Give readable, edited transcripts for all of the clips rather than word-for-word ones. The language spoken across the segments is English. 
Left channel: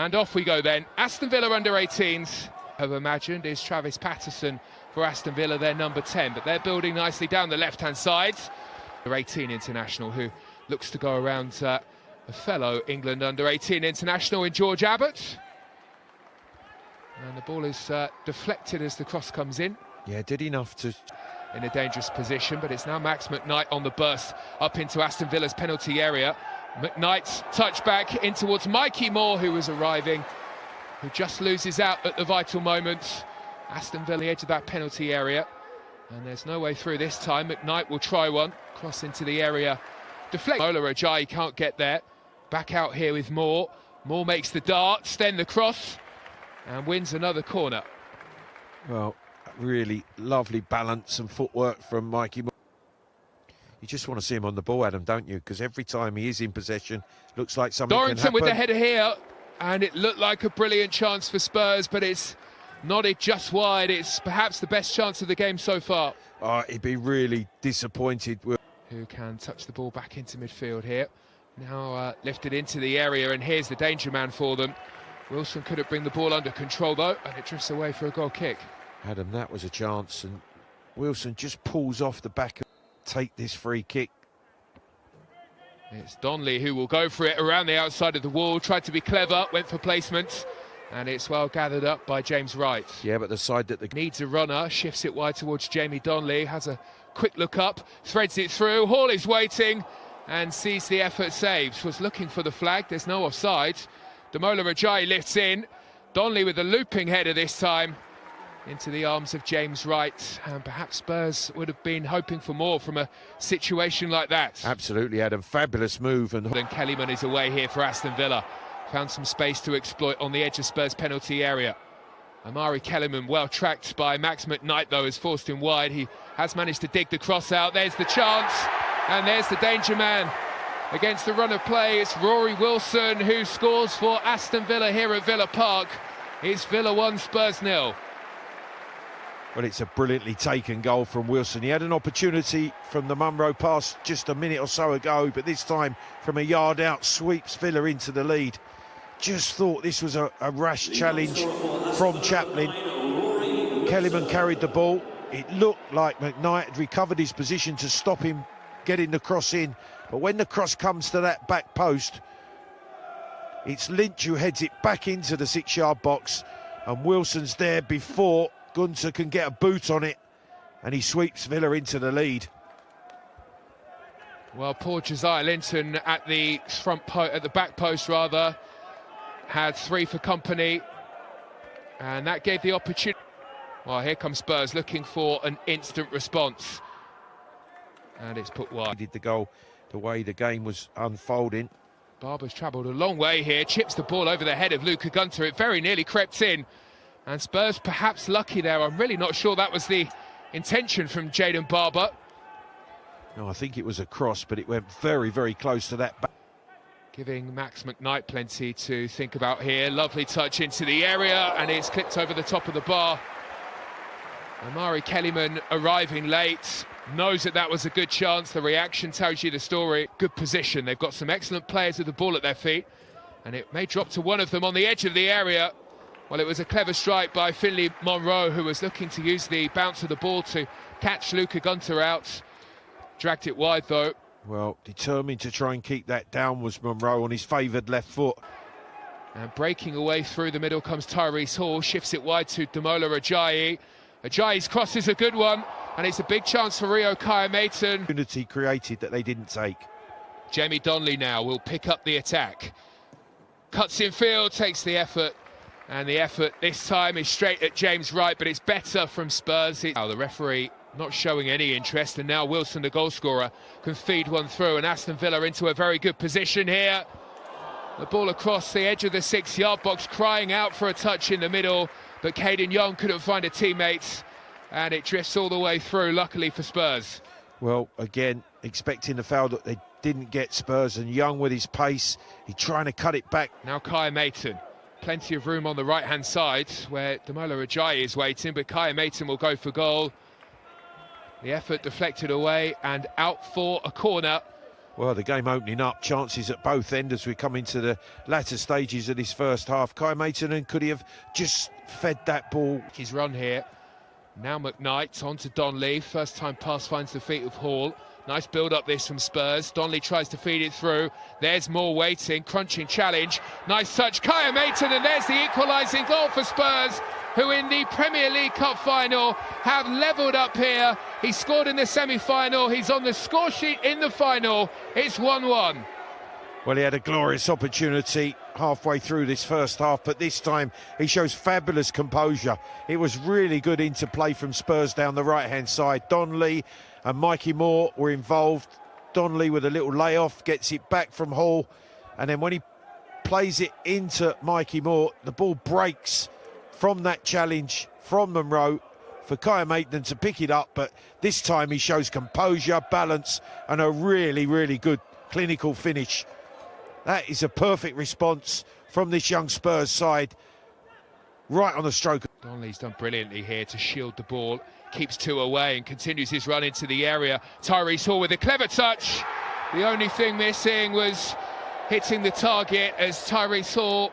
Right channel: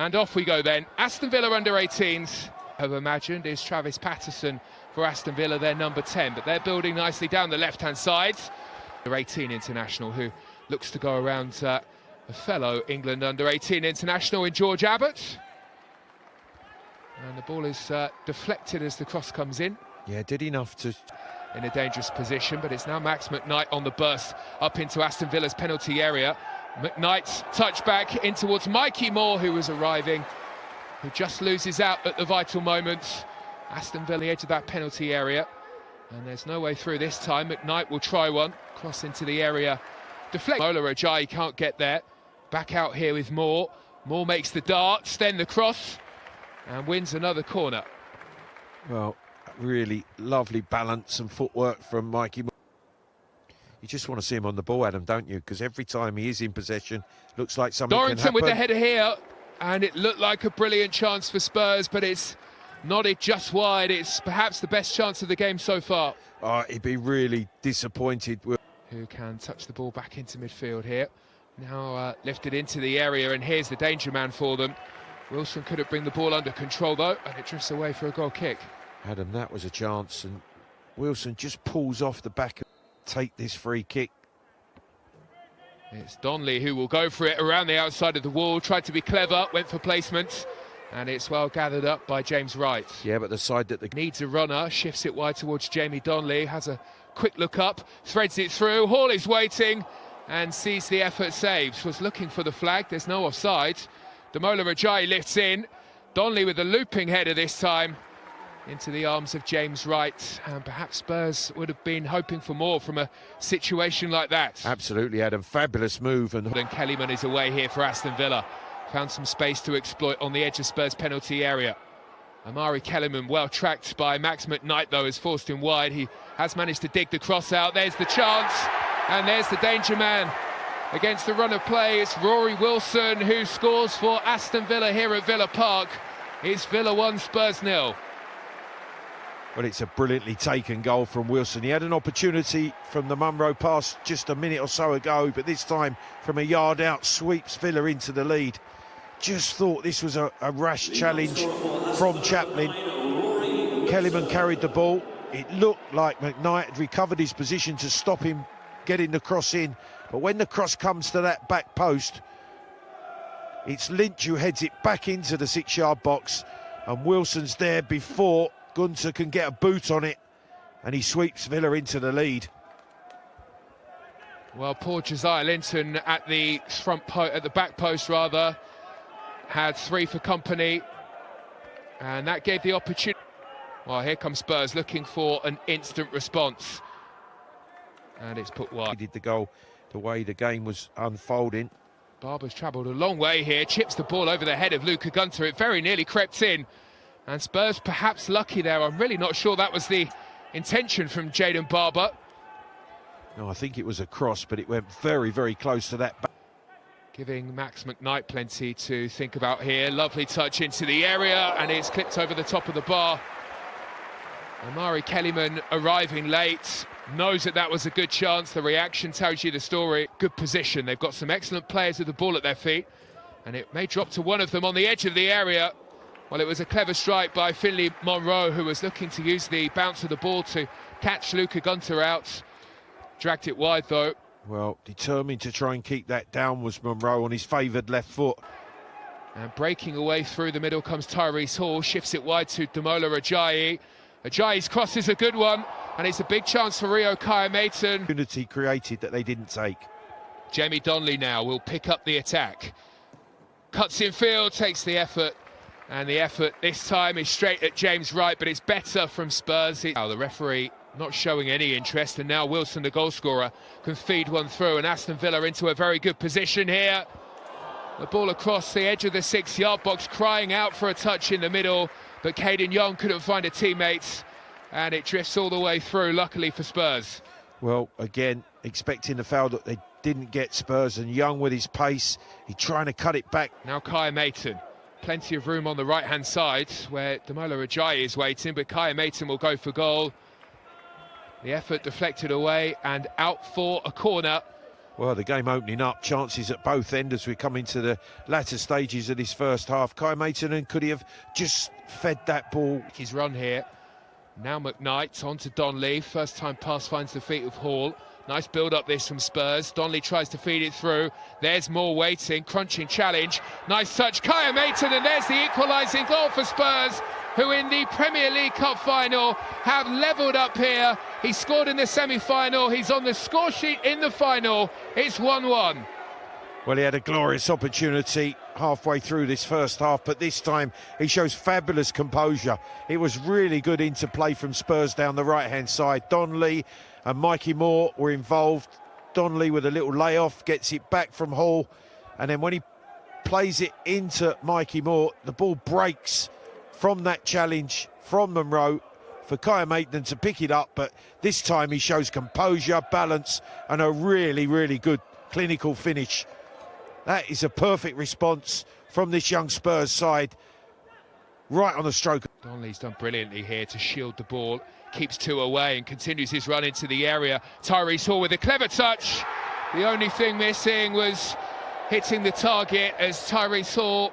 And off we go then. Aston Villa under-18s, I've imagined, is Travis Patterson for Aston Villa, their number 10. But they're building nicely down the left-hand side. Under-18 international who looks to go around a fellow England under-18 international in George Abbott. And the ball is deflected as the cross comes in. Yeah, did enough to... In a dangerous position, but it's now Max McKnight on the burst up into Aston Villa's penalty area. McKnight's touch back in towards Mikey Moore, who was arriving, who just loses out at the vital moment. Aston Villa the edge of that penalty area, and there's no way through this time. McKnight will try one, cross into the area. Deflect. Mola Ajayi can't get there. Back out here with Moore. Moore makes the darts, then the cross, and wins another corner. Well, really lovely balance and footwork from Mikey Moore. You just want to see him on the ball, Adam, don't you? Because every time he is in possession, looks like something can happen. Dorrington with the header here, and it looked like a brilliant chance for Spurs, but it's nodded just wide. It's perhaps the best chance of the game so far. He'd be really disappointed with... Who can touch the ball back into midfield here. Now lifted into the area, and here's the danger man for them. Wilson couldn't bring the ball under control, though, and it drifts away for a goal kick. Adam, that was a chance, and Wilson just pulls off the back and take this free kick. It's Donnelly who will go for it around the outside of the wall, tried to be clever, went for placement, and it's well gathered up by James Wright. Yeah, but the side that needs a runner, shifts it wide towards Jamie Donnelly, has a quick look up, threads it through, Hall is waiting and sees the effort, saves, was looking for the flag, there's no offside. Damola Ajayi lifts in, Donnelly with a looping header this time into the arms of James Wright, and perhaps Spurs would have been hoping for more from a situation like that. Absolutely, Adam, fabulous move. And Kellyman is away here for Aston Villa, found some space to exploit on the edge of Spurs penalty area. Amari Kellyman, well tracked by Max McKnight, though, is forced in wide. He has managed to dig the cross out. There's the chance, and there's the danger man against the run of play. It's Rory Wilson who scores for Aston Villa here at Villa Park. It's Villa 1, Spurs 0. Well, it's a brilliantly taken goal from Wilson. He had an opportunity from the Munro pass just a minute or so ago, but this time from a yard out, sweeps Villa into the lead. Just thought this was a rash challenge from Chaplin. Kellyman carried the ball. It looked like McKnight had recovered his position to stop him getting the cross in. But when the cross comes to that back post, it's Lynch who heads it back into the 6-yard box. And Wilson's there before Gunter can get a boot on it, and he sweeps Villa into the lead. Well, poor Josiah Linton at the at the back post rather, had 3 for company, and that gave the opportunity. Well, here comes Spurs looking for an instant response, and it's put wide. He did the goal the way the game was unfolding. Barber's travelled a long way here, chips the ball over the head of Luca Gunter. It very nearly crept in. And Spurs perhaps lucky there. I'm really not sure that was the intention from Jayden Barber. No, I think it was a cross, but it went very, very close to that back. Giving Max McKnight plenty to think about here. Lovely touch into the area, and it's clipped over the top of the bar. Amari Kellyman arriving late, knows that that was a good chance. The reaction tells you the story. Good position. They've got some excellent players with the ball at their feet, and it may drop to one of them on the edge of the area. Well, it was a clever strike by Finlay Monroe, who was looking to use the bounce of the ball to catch Luca Gunter out. Dragged it wide, though. Well, determined to try and keep that down was Monroe on his favoured left foot. And breaking away through the middle comes Tyrese Hall, shifts it wide to Damola Ajayi. Ajayi's cross is a good one, and it's a big chance for Rio Kaya-Maton. Opportunity created that they didn't take. Jamie Donnelly now will pick up the attack. Cuts in field, takes the effort. And the effort this time is straight at James Wright, but it's better from Spurs. Now the referee not showing any interest, and now Wilson, the goalscorer, can feed one through, and Aston Villa into a very good position here. The ball across the edge of the 6-yard box, crying out for a touch in the middle, but Caden Young couldn't find a teammate, and it drifts all the way through, luckily for Spurs. Well, again, expecting the foul that they didn't get. Spurs, and Young with his pace, he's trying to cut it back. Now Kaya-Maton. Plenty of room on the right-hand side where Damola Ajayi is waiting, but Kaya-Maton will go for goal. The effort deflected away and out for a corner. Well, the game opening up, chances at both ends as we come into the latter stages of this first half. Kai Maitonen, could he have just fed that ball? His run here. Now McKnight on to Donley. First time pass finds the feet of Hall. Nice build up this from Spurs. Donley tries to feed it through. There's more waiting, crunching challenge. Nice touch, Kai Maitonen, and there's the equalising goal for Spurs, who in the Premier League Cup final have levelled up here. He scored in the semi-final. He's on the score sheet in the final. It's 1-1. Well, he had a glorious opportunity halfway through this first half, but this time he shows fabulous composure. It was really good interplay from Spurs down the right-hand side. Donley and Mikey Moore were involved. Donley with a little layoff, gets it back from Hall, and then when he plays it into Mikey Moore, the ball breaks from that challenge from Monroe for Kai Maitonen to pick it up, but this time he shows composure, balance, and a really, really good clinical finish. That is a perfect response from this young Spurs side, right on the stroke. Donley's done brilliantly here to shield the ball, keeps two away and continues his run into the area. Tyrese Hall with a clever touch. The only thing missing was hitting the target, as Tyrese Hall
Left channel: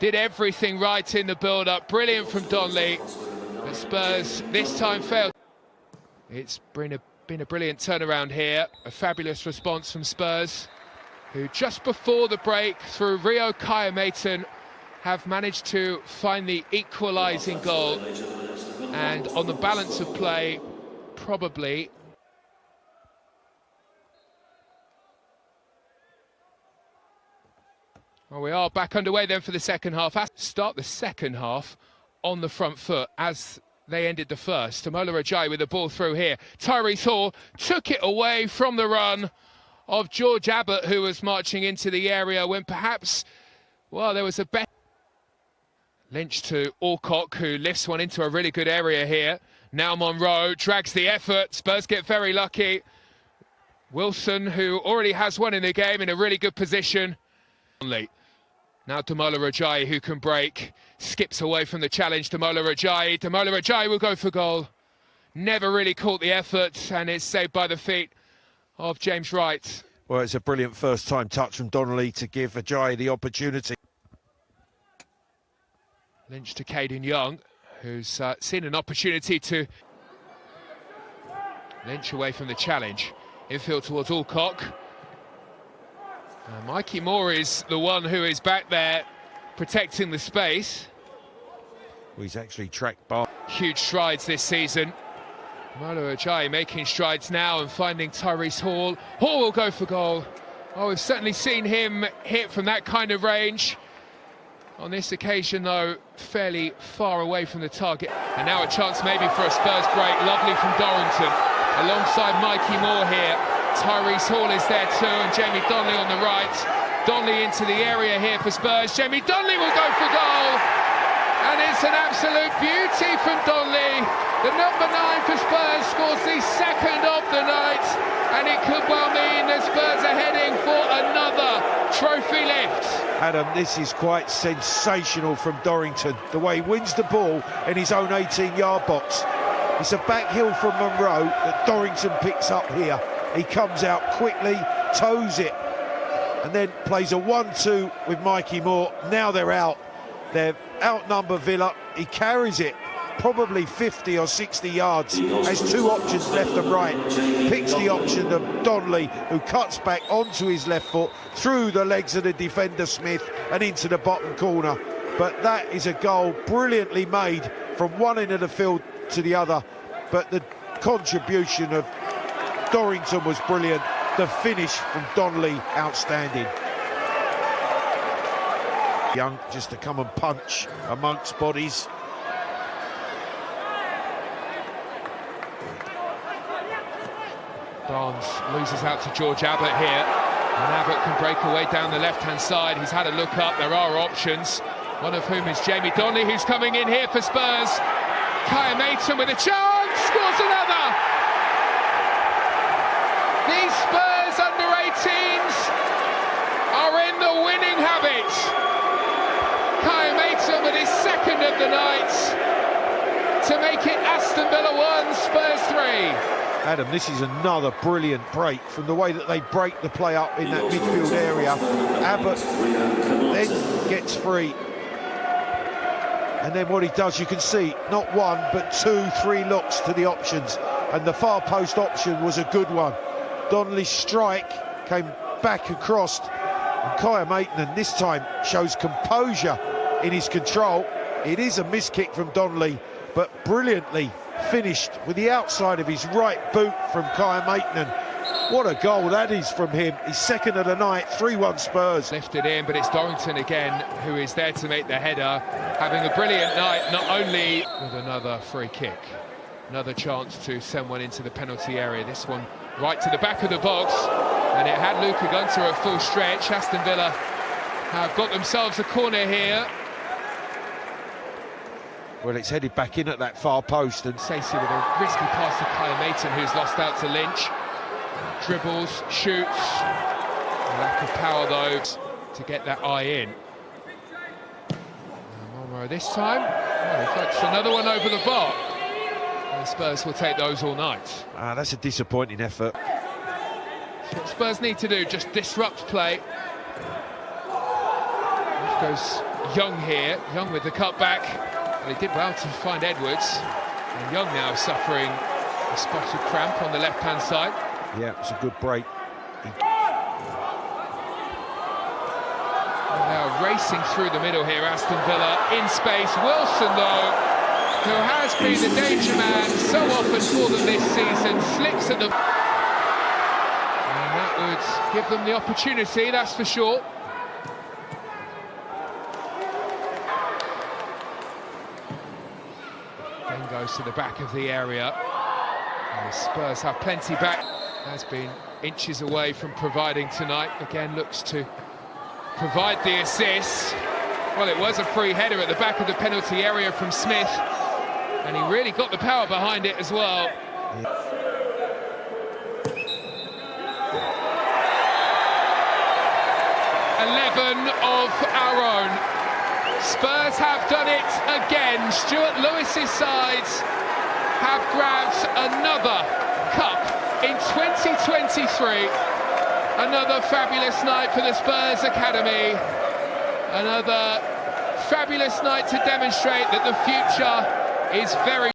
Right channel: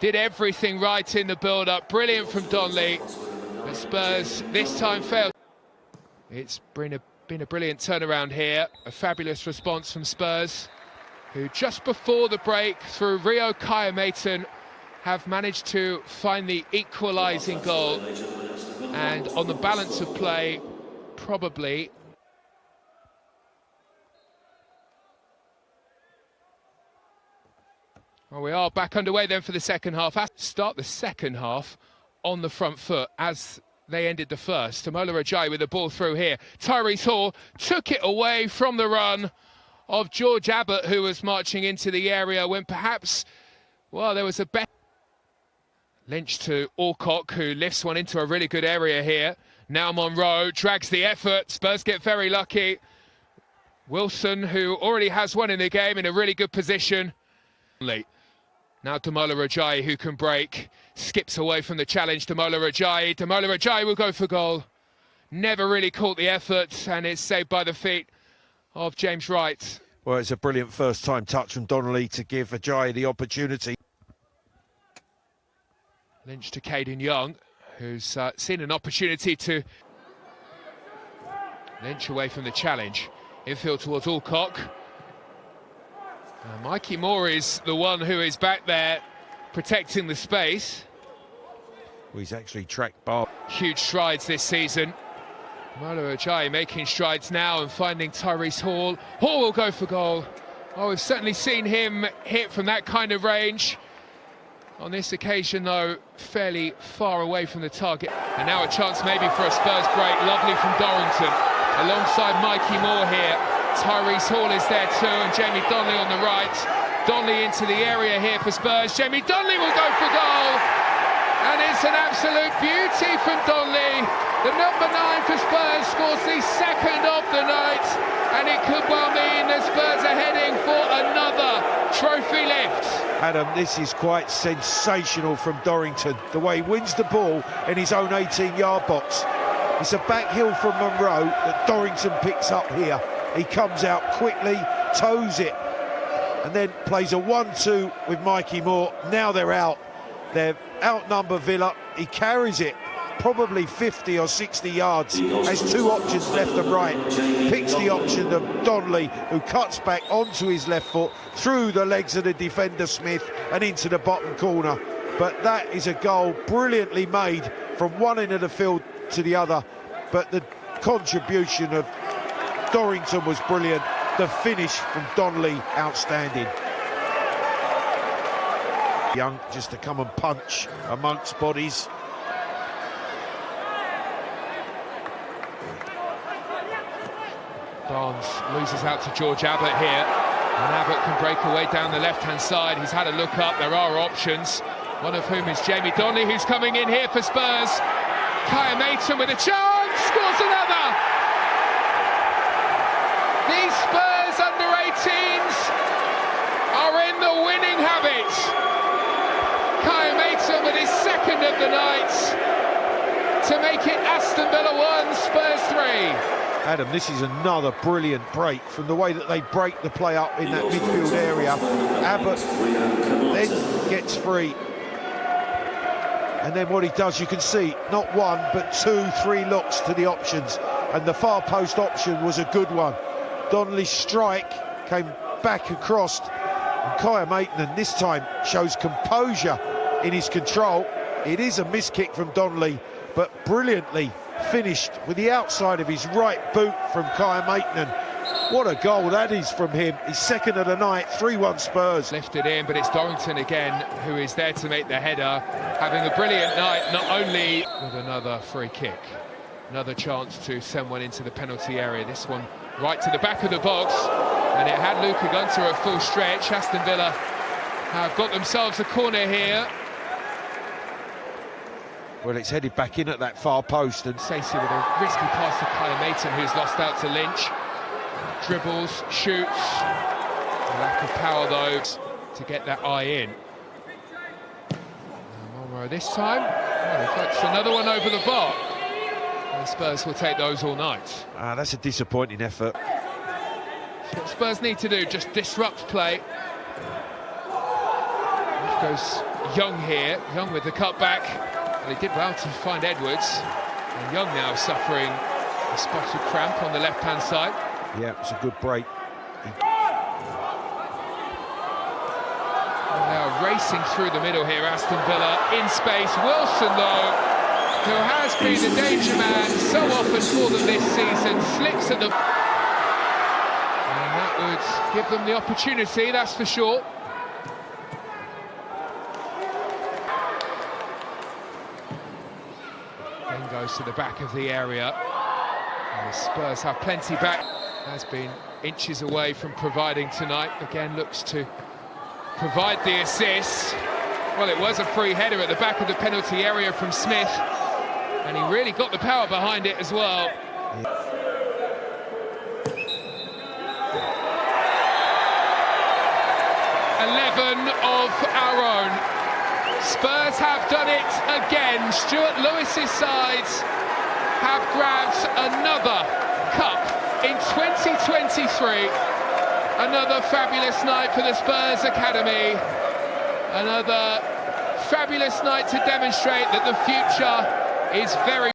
did everything right in the build-up. Brilliant from Donley. But Spurs this time failed. It's been a brilliant turnaround here. A fabulous response from Spurs, who just before the break, through Rio Kai Maitonen, have managed to find the equalising goal. And on the balance of play, probably well, we are back underway then for the second half. Start the second half on the front foot as they ended the first. Amola Ajayi with the ball through here. Tyrese Hall took it away from the run of George Abbott, who was marching into the area when perhaps, well, there was a better. Lynch to Alcock, who lifts one into a really good area here. Now Monroe drags the effort. Spurs get very lucky. Wilson, who already has one in the game, in a really good position. Now Amola Ajayi, who can break. Skips away from the challenge. Amola Ajayi. Amola Ajayi will go for goal. Never really caught the effort and is saved by the feet of James Wright. Well, it's a brilliant first-time touch from Donnelly to give Ajayi the opportunity. Lynch to Caden Young, who's seen an opportunity to. Lynch away from the challenge. Infield towards Alcock. Mikey Moore is the one who is back there protecting the space. He's actually tracked by. Huge strides this season. Amola Ajayi making strides now and finding Tyrese Hall. Hall will go for goal. Oh, we've certainly seen him hit from that kind of range. On this occasion, though, fairly far away from the target. And now a chance maybe for a Spurs break. Lovely from Dorrington. Alongside Mikey Moore here. Tyrese Hall is there too, and Jamie Donley on the right. Donley into the area here for Spurs. Jamie Donley will go for goal. And it's an absolute beauty from Donley. The number 9 for Spurs scores the second of the night. And it could well mean that Spurs are heading for another trophy lift. Adam, this is quite sensational from Dorrington. The way he wins the ball in his own 18-yard box. It's a back heel from Monroe that Dorrington picks up here. He comes out quickly, toes it, and then plays a 1-2 with Mikey Moore. Now they're out. They're outnumber Villa. He carries it probably 50 or 60 yards. Has two options left and right. Picks the option of Donley, who cuts back onto his left foot, through the legs of the defender Smith and into the bottom corner. But that is a goal brilliantly made from one end of the field to the other. But the contribution of Dorrington was brilliant. The finish from Donley, outstanding. Young just to come and punch amongst bodies. Barnes loses out to George Abbott here. And Abbott can break away down the left-hand side. He's had a look up. There are options. One of whom is Jamie Donley, who's coming in here for Spurs. Kai Maitonen with a chance, scores another. These Spurs under-18s are in the winning habit. Kai Maitonen with his second of the night to make it Aston Villa 1, Spurs 3. Adam, this is another brilliant break from the way that they break the play up in that midfield area. Abbott then gets free. And then what he does, you can see, not one, but 2, 3 looks to the options. And the far post option was a good one. Donnelly's strike came back across. And Kaya Maitland this time shows composure in his control. It is a miss kick from Donnelly, but brilliantly finished with the outside of his right boot from Kaya Maitland. What a goal that is from him. His second of the night, 3-1 Spurs. Lifted in, but it's Dorrington again who is there to make the header. Having a brilliant night, not only with another free kick. Another chance to send one into the penalty area. This one right to the back of the box. And it had Luka Gunter at full stretch. Aston Villa have got themselves a corner here. Well, it's headed back in at that far post. And Stacey with a risky pass to Kyle Maitland, who's lost out to Lynch. Dribbles, shoots. A lack of power, though, to get that eye in. Monroe this time. Oh, that's another one over the bar. And Spurs will take those all night. That's a disappointing effort. So what Spurs need to do, just disrupt play. Off goes Young here. Young with the cutback. They did well to find Edwards. And Young now suffering a spotted cramp on the left-hand side. Yeah, it's a good break. Now racing through the middle here, Aston Villa in space. Wilson, though, who has been a danger man so often for them this season, slips at the... And that would give them the opportunity, that's for sure. Then goes to the back of the area. And the Spurs have plenty back. Has been inches away from providing tonight. Again, looks to provide the assist. Well, it was a free header at the back of the penalty area from Smith. And he really got the power behind it as well. Of our own. Spurs have done it again. Stuart Lewis's sides have grabbed another cup in 2023. Another fabulous night for the Spurs Academy. Another fabulous night to demonstrate that the future is very